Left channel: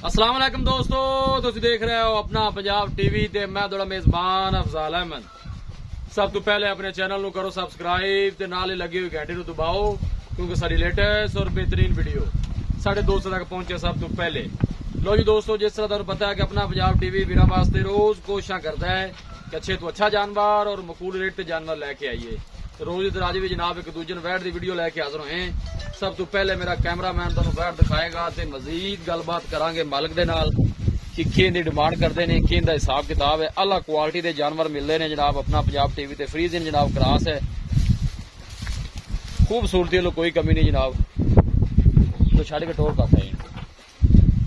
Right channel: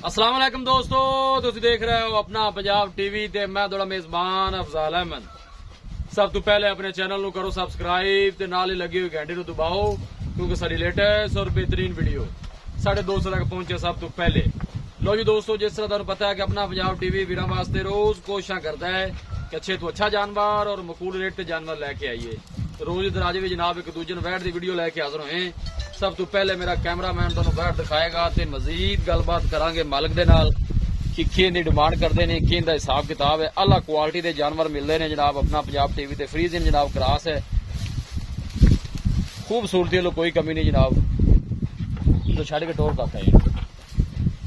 अस्सलाम वालेकुम दोस्तों, तुसीं देख रहे हो अपना पंजाब टीवी ते मैं थोड़ा मेजबान अफजाल अहमद। सब तो पहले अपने चैनल नु करो सब्सक्राइब ते नाल ही लगी हुई घंटी नु दबाओ क्योंकि साडी लेटेस्ट और बेहतरीन वीडियो साढ़े दोस्तों तक पहुंचे सब तो पहले। लो जी दोस्तों, जिस तरह तुहानू पता है कि अपना पंजाब टीवी वीरां वास्ते रोज कोशिश करता है कि अच्छे तो अच्छा जानवर और मकूल रेट ते जानवर लेके आइए। तो रोज इधर अज भी जनाब एक दूजे वैट की वीडियो लैके हाजिर होए। सब तो पहले मेरा कैमरामैन तुहानू वैट दिखाएगा ते मजीद गलबात करांगे मालिक दे नाल कि किंदी डिमांड करते हैं, किंदा हिसाब किताब है। अला क्वालिटी के जानवर मिलते हैं जनाब अपना पंजाब टीवी ते फ्रीजिंग जनाब क्रास है, खूबसूरती वालों कोई कमी नहीं जनाब। तो छड़ के टोर करता है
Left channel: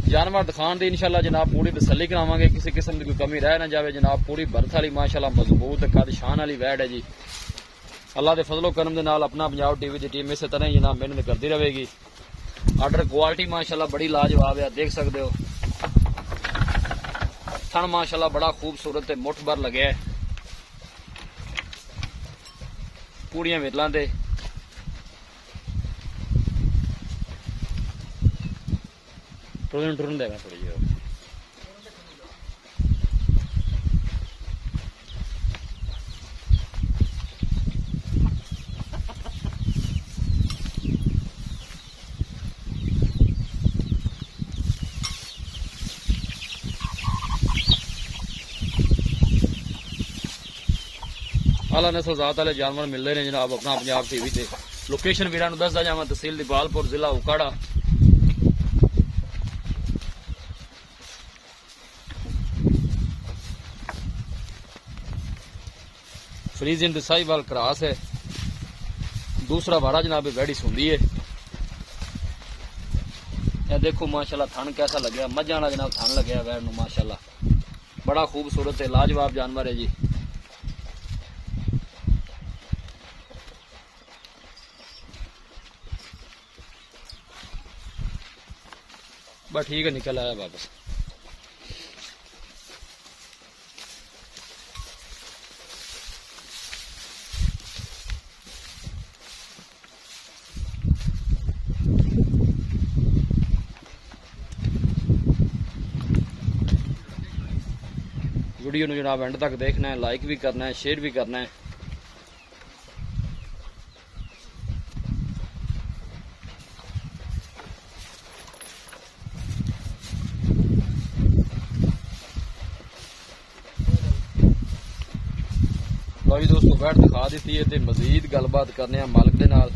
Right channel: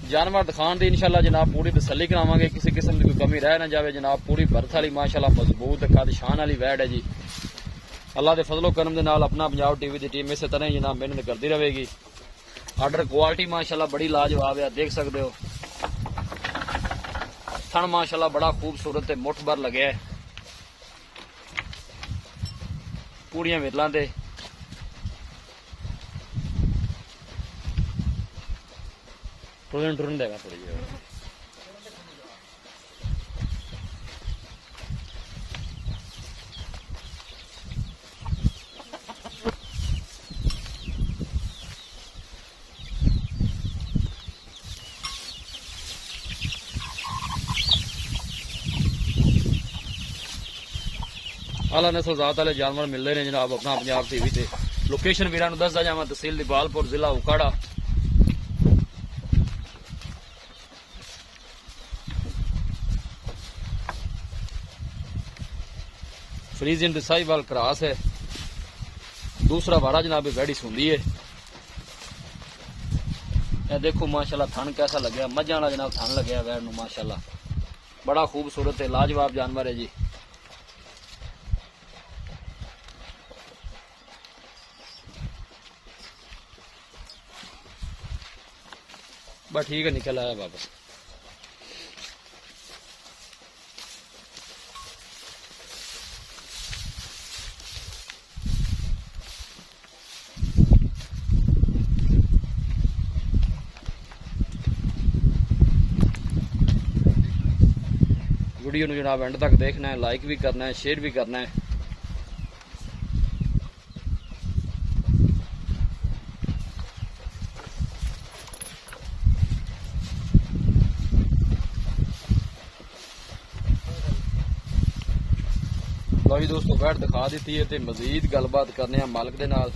जानवर दिखाने की इंशाल्लाह जनाब पूरी तसल्ली करावांगे, किसी किस्म की कोई कमी रह ना जाए जनाब। पूरी बर्थ वाली माशाल्लाह मजबूत कद शान वाली वैट है जी। अल्लाह के फजलो करम दे नाल अपना पंजाब टीवी की टीम इस तरह ही जनाब मेहनत करती रहेगी। आर्डर क्वालिटी माशाल्लाह बड़ी लाजवाब है, देख सकते हो। थन माशाल्लाह बड़ा खूबसूरत है, मुठ भर लगे है, पूड़ियां विरलां ते टुरन देगा थोड़ी जी। आला नस्ल जात वाले जानवर मिल रहे हैं जनाब अपना पंजाब टीवी से। लोकेशन वीरां नूं दसदा जावां, तहसील दीपालपुर, जिला उकाड़ा। फ्रीजिंग साहिवाल क्रास है, दूसरा वाड़ा जनाब वैड़ी सुंदी है। यह देखो माशाल्लाह थन कैसा लगे, मझां वाला जनाब थन लगे वैड़ नूं माशाल्लाह बड़ा खूबसूरत है, लाजवाब जानवर है जी। बस ठीक है, निकल आया वापस। वीडियो नूं जनाब एंड तक देखना है, लाइक भी करना है, शेयर भी करना है। लो जी दोस्तों, वैट दिखा दी है, मजीद गलबात करने मालिक दे नाल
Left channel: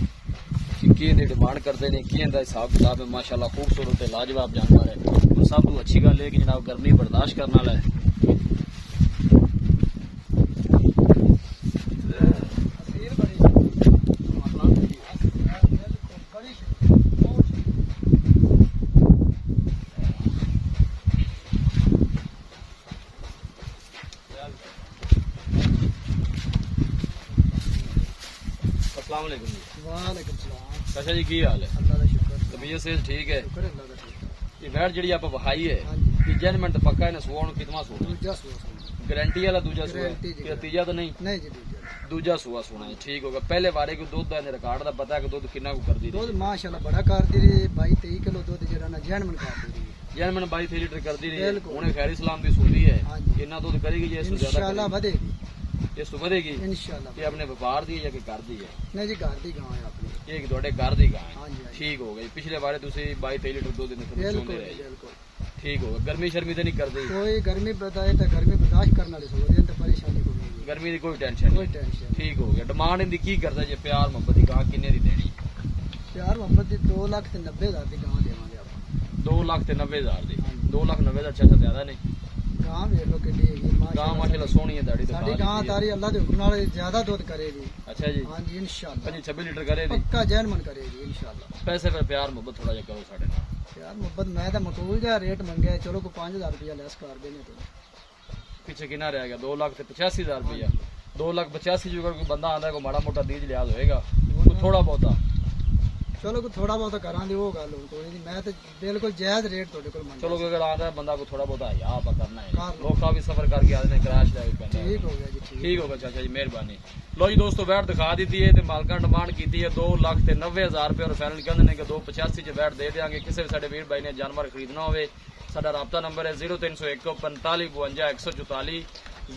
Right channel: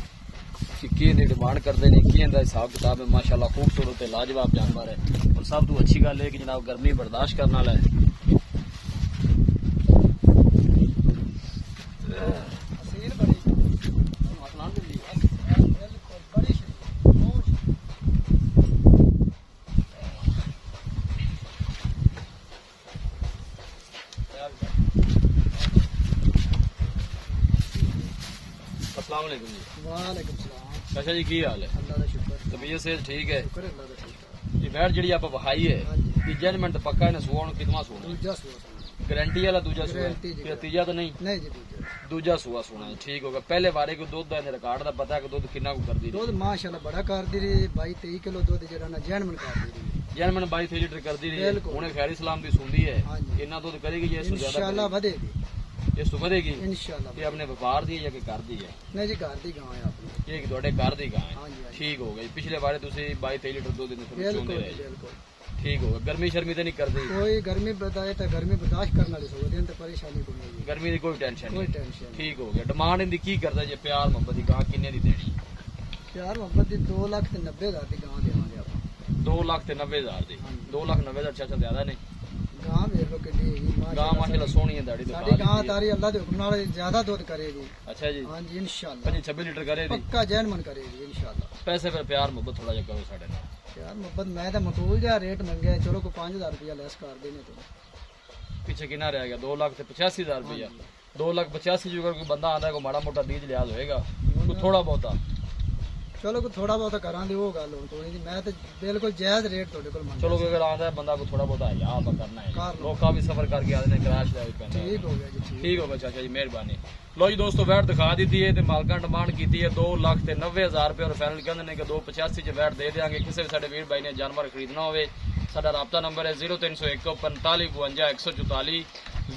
कि की डिमांड करते हैं, की हिसाब किताब है। माशाल्लाह खूबसूरत है, लाजवाब जानवर है। और सब तो अच्छी गल है कि जनाब गर्मी बर्दाश्त करने वाला है। वालेकुम सलाम। अच्छा जी, की हाल है? अल्लाह का शुक्र, तबीयत से ठीक है? शुक्र अल्लाह का ठीक है। ये वैट जी आप वहाई है, तीजा मिनट पक्का इन्हें सुआ कितना सोना? दूजा सुआ गारंटी वाला दूजा सुआ गारंटी जी। है, तीजा तो नहीं? नहीं जी, दूजा दूजा सुआ सोना है, ठीक होगा। पहले बारे को दुध का रिकॉर्ड का पता है कि दुध कितना को कर दी? दूध माशाल्लाह बड़ा कर दी रही, 22-23 किलो दूध जरा ना जैन मन कर दी रही। जैन मैंने 22 लीटर कर दी रही है, बिल्कुल। उन्हें खैर इस्लाम की सुनती है। हाँ जी। इतना दूध करेगी जी? इससे ज्यादा इंशाल्लाह करेगी? बढ़ेगी इस तो बढ़ेगी? इंशाल्लाह। ये अपने व्यापार दी है या कि घर दी है? नहीं जी, घर दी गांव है अपनी। ये थोड़े घर दी गाय हाँ जी, हाँ जी। ठीक हो गई। पिछले बारे तुम 22-23 लीटर दूध देने थोड़ी बिल्कुल चोंदे रहे, बिल्कुल। ठीक होगा। गर्मी शर्मी तो नहीं कर दी? कोई गर्मी बताए तो गर्मी बर्दाश्त करने वाली सोच तो परेशानी कोई नहीं। गर्मी की कोई टेंशन कोई नहीं, टेंशन नहीं। ठीक हो गया। डिमांड इनकी की करता जी? प्यार मोहब्बत की गां किन्ने दी देनी? प्यार मोहब्बत की 2,90,000 की गांव देवांगे आप। 2,90,000 दी? हाँ जी। 2,90,000 अच्छा ज्यादा नहीं। गांव वेख लो कि गां माशाल्लाह सोहनी है, दाढ़ी साडी गांव तारी अल्लाह के हुक्म नाल ज्यादा दूध करेगी। अच्छा जी, हाँ जी इंशाल्लाह 25-26 लीटर करे दी? पक्का जैन मन करेगी इंशाल्लाह। पैसे फिर प्यार मोहब्बत थोड़ा जा करो साढ़े नाल। यार मोहब्बत मैं तो मकबूल जहा रेट मंगे, चलो को 5,000 रुपया लेस कर देने तो। पीछे कितना रह गया? 2,85,000 रुपया। 2,85,000 जो कोई बंदा आंदा को माड़ा मोटा दीज लिहाज होएगा, कोई थोड़ा बहुता चलो कोई थोड़ा बहुत करा दी वो गल कोई नहीं। मैं तो बिल्कुल जायज रेट थोड़े को मंग। चलो अगर आंदा है बंदा को थोड़ा बहुता या आप करना है, कर लो। लोग का भी सफर करके आते हैं, क्रैश ले पैंदा। ठीक हो गया जी, ठीक होगा चाचा जी, मेहरबानी। लो जी दोस्तों, वैट दिखा दी है, मालका डिमांड की है 2,90,000 रुपये और फाइनल कहते हैं कि 2,85,000 च वैट दे देंगे। किसी भी साडे वीर भाई ने जानवर खरीदना हो ਸਾਡਾ ਰਾਬਤਾ ਨੰਬਰ ਹੈ 0301 45 52 144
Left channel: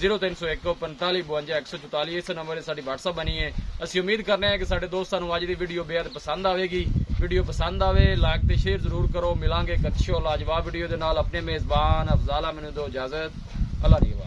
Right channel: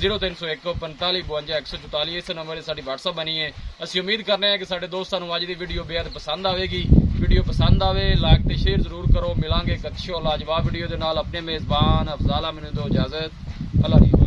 0301 45 52 144। ਇਸ ਨੰਬਰ 'ਤੇ ਸਾਡੀ WhatsApp ਬਣੀ ਹੈ। ਅਸੀਂ ਉਮੀਦ ਕਰਨੇ ਹਾਂ ਕਿ ਸਾਡੇ ਦੋਸਤਾਂ ਨੂੰ ਅੱਜ ਦੀ ਵੀਡੀਓ ਬੇहद ਪਸੰਦ ਆਵੇਗੀ। ਵੀਡੀਓ ਪਸੰਦ ਆਵੇ ਲਾਈਕ ਤੇ ਸ਼ੇਅਰ ਜ਼ਰੂਰ ਕਰੋ। ਮਿਲਾਂਗੇ ਇੱਕ ਅੱਛੀ ਔਰ ਲਾਜਵਾਬ ਵੀਡੀਓ ਦੇ ਨਾਲ। ਆਪਣੇ ਮੇਜ਼ਬਾਨ ਅਫਜ਼ਾਲ ਅਹਿਮਦ ਨੂੰ ਦਿਓ ਇਜਾਜ਼ਤ। ਅੱਲਾ ਹਾਫਿਜ਼।